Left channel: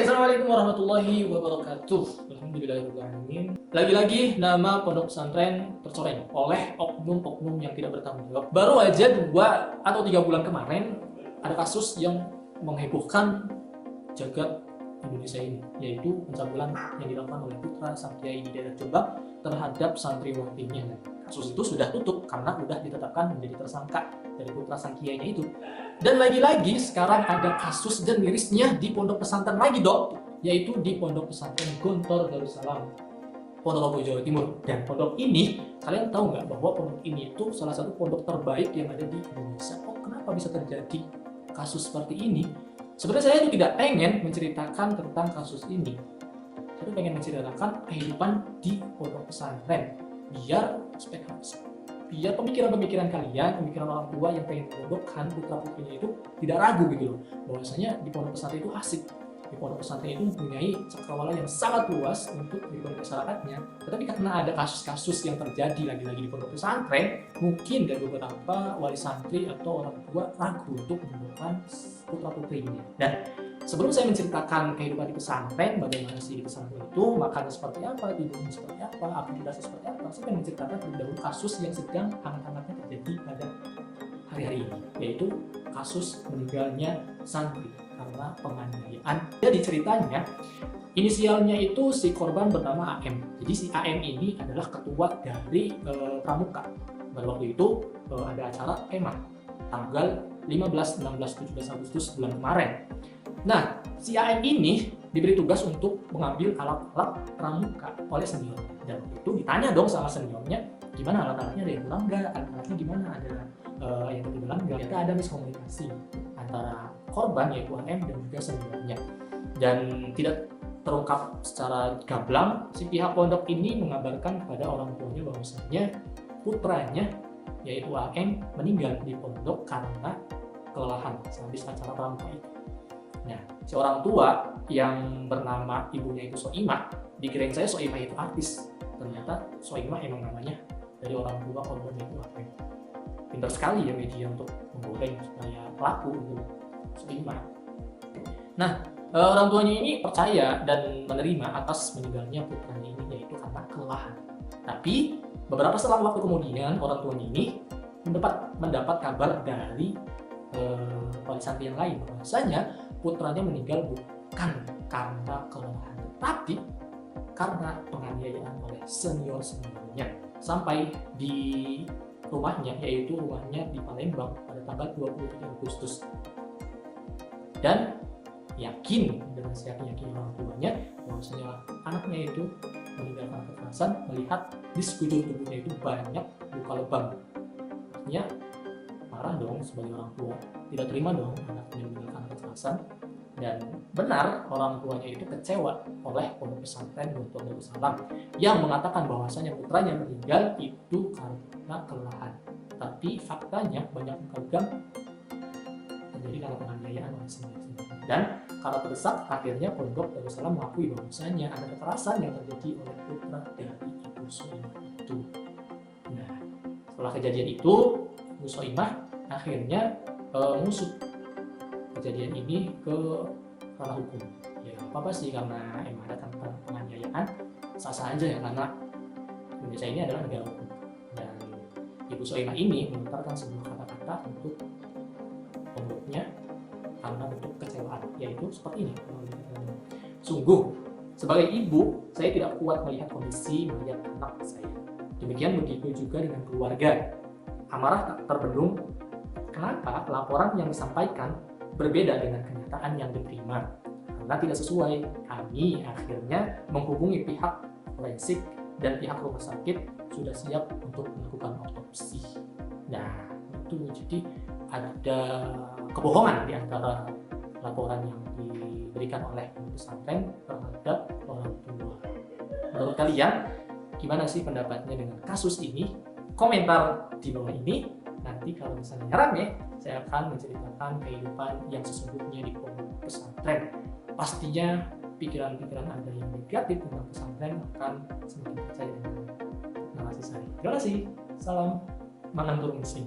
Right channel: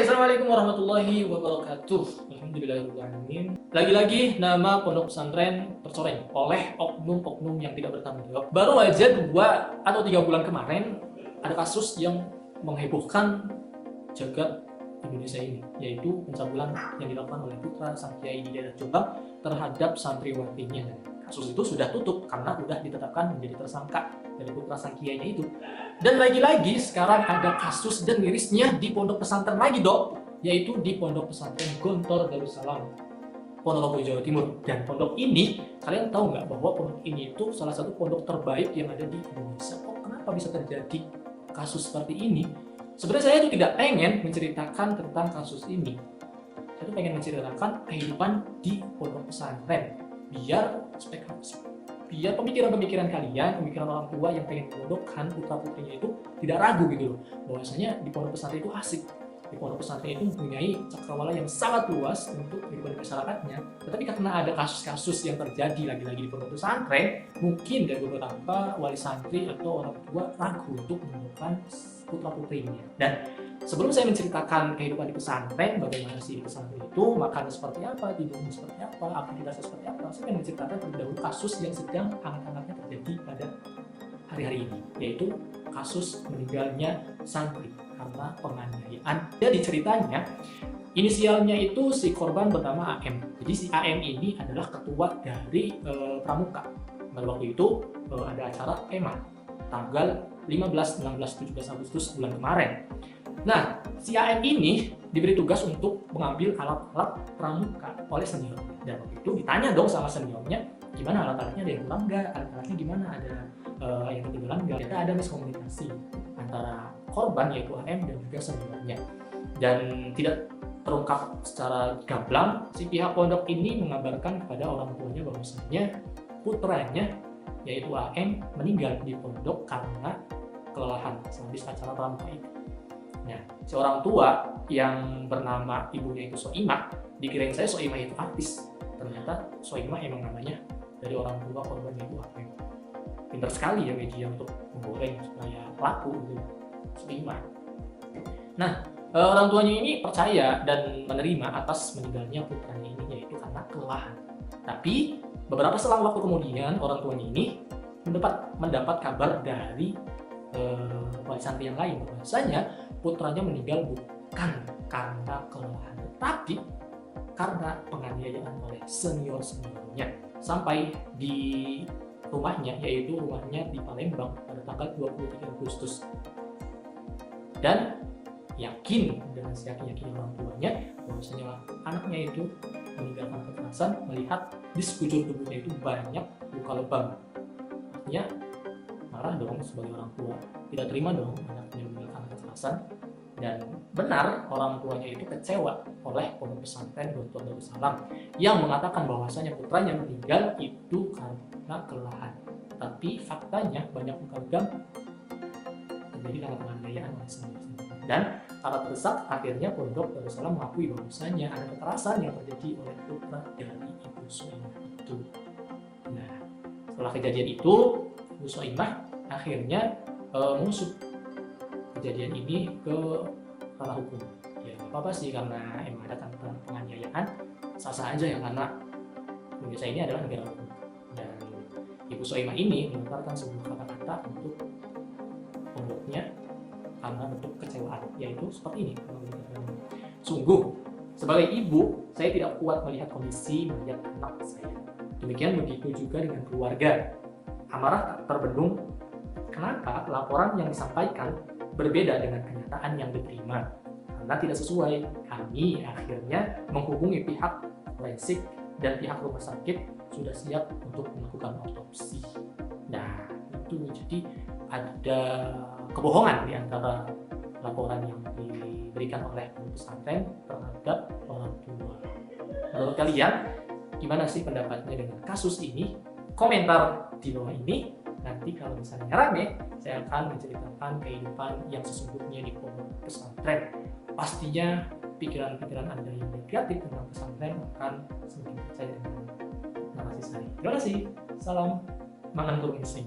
Assalamualaikum warahmatullahi wabarakatuh. Alhamdulillahirrahmanirrahim. Lagi-lagi nama pondok pesantren tercoreng oleh oknum-oknum yang tidak bertanggung jawab. Baru aja 2 atau 3 bulan kemarin ada kasus yang menghebohkan jagat Indonesia ini, yaitu pencabulan yang dilakukan oleh putra sang kiai di daerah Jombang terhadap santriwatinya. Kasus itu sudah tutup karena sudah ditetapkan menjadi tersangka dari putra sang kiainya itu. Dan lagi-lagi sekarang ada kasus dan mirisnya di pondok pesantren lagi dong, yaitu di pondok pesantren Gontor Darussalam, Ponorogo, Jawa Timur. Dan pondok ini, kalian tahu nggak bahwa pondok ini itu salah satu pondok terbaik yang ada di Indonesia? Kok kenapa bisa terjadi kasus seperti ini? Sebenarnya saya itu tidak pengen menceritakan tentang kasus ini. Saya pengen menceritakan kehidupan di pondok pesantren, biar pemikiran-pemikiran kalian, pemikiran orang tua yang pengen memondokkan putra-putrinya itu tidak ragu gitu loh, bahwasanya di pondok pesantren itu asik, di pondok pesantren itu mempunyai cakrawala yang sangat luas untuk kehidupan masyarakatnya. Tetapi karena ada kasus-kasus yang terjadi lagi-lagi di pondok pesantren, mungkin dari beberapa wali santri atau orang tua ragu untuk memondokkan putra-putrinya. Dan sebelum saya menceritakan kehidupan di pesantren, bagaimana sih di pesantren itu, makanan seperti apa, tidurnya seperti apa, aktivitasnya seperti apa, saya ingin menceritakan dahulu kasus yang sedang hangat-hangatnya terjadi pada hari-hari ini, yaitu kasus meninggalnya santri karena penganiayaan. Jadi ceritanya, inisialnya itu si korban bernama AM. Jadi si AM ini adalah ketua dari pramuka. Dan waktu itu ada acara kemah tanggal 15, 16, 17 Agustus bulan kemarin. Nah, si AM ini diberi tugas untuk mengambil alat-alat pramuka oleh senior. Dan itu ditanya dong sama seniornya, gimana alat-alatnya, ada yang kurang nggak, alat-alatnya gimana, ada yang ketinggalan. Ternyata ada miskomunikasi antara korban yaitu AM dan juga seniornya. Dan tidak terungkap secara gamblang, si pihak pondok ini mengabarkan kepada orang tuanya bahwasanya putranya yaitu AM meninggal di pondok karena kelelahan habis acara pramuka itu. Nah, seorang tua yang bernama ibunya itu Soimah, dikirain saya Soimah itu artis. Ternyata Soimah emang namanya dari orang tua korban itu AM. Pintar sekali ya media untuk menggoreng supaya laku untuk Soimah. Nah, orang tuanya ini percaya dan menerima atas meninggalnya putranya ini, yaitu karena kelelahan. Tapi beberapa selang waktu kemudian orang tuanya ini mendapat kabar dari wali santri yang lain bahwasanya putranya meninggal bukan karena kelelahan, tapi karena penganiayaan oleh seniornya sampai di rumahnya, yaitu rumahnya di Palembang pada tanggal 23 Agustus. Dan yakin dengan siapa yakin orang tuanya bahwasanya anaknya itu meninggal karena kekerasan, melihat di sekujur tubuhnya itu banyak luka lebam. Artinya marah dong sebagai orang tua, tidak terima dong anaknya meninggal karena kekerasan. Dan benar orang tuanya itu kecewa oleh pondok pesantren Gontor Darussalam yang mengatakan bahwasanya putranya meninggal itu karena kelelahan. Tapi faktanya banyak luka lebam terjadi karena penganiayaan oleh senior. Dan karena terdesak, akhirnya pondok Darussalam mengakui bahwasanya ada kekerasan yang terjadi oleh putra dari Ibu Soimah itu. Nah, setelah kejadian itu, Ibu Soimah akhirnya mengusut kejadian ini ke ranah hukum. Ya apa sih, karena emang ada penganiayaan, sah-sah aja ya, karena Indonesia ini adalah negara hukum. Dan Ibu Soimah ini mengeluarkan sebuah kata-kata untuk pokoknya karena bentuk kecewaan, yaitu seperti ini. Sungguh, sebagai ibu, saya tidak kuat melihat kondisi banyak anak saya. Demikian begitu juga dengan keluarga. Amarah tak terbendung. Kenapa laporan yang disampaikan berbeda dengan kenyataan yang diterima? Karena tidak sesuai. Kami akhirnya menghubungi pihak forensik dan pihak rumah sakit sudah siap untuk melakukan otopsi. Nah, itu jadi ada kebohongan di antara laporan yang diberikan oleh pesantren terhadap orang tua. Menurut kalian, gimana sih pendapatnya dengan kasus ini? Komentar di bawah ini. Nanti kalau misalnya rame, saya akan menceritakan kehidupan yang sesungguhnya di pondok pesantren. Pastinya pikiran-pikiran Anda yang negatif tentang pesantren akan semakin percaya dengan narasi saya. Terima kasih. Salam mengantuk insting.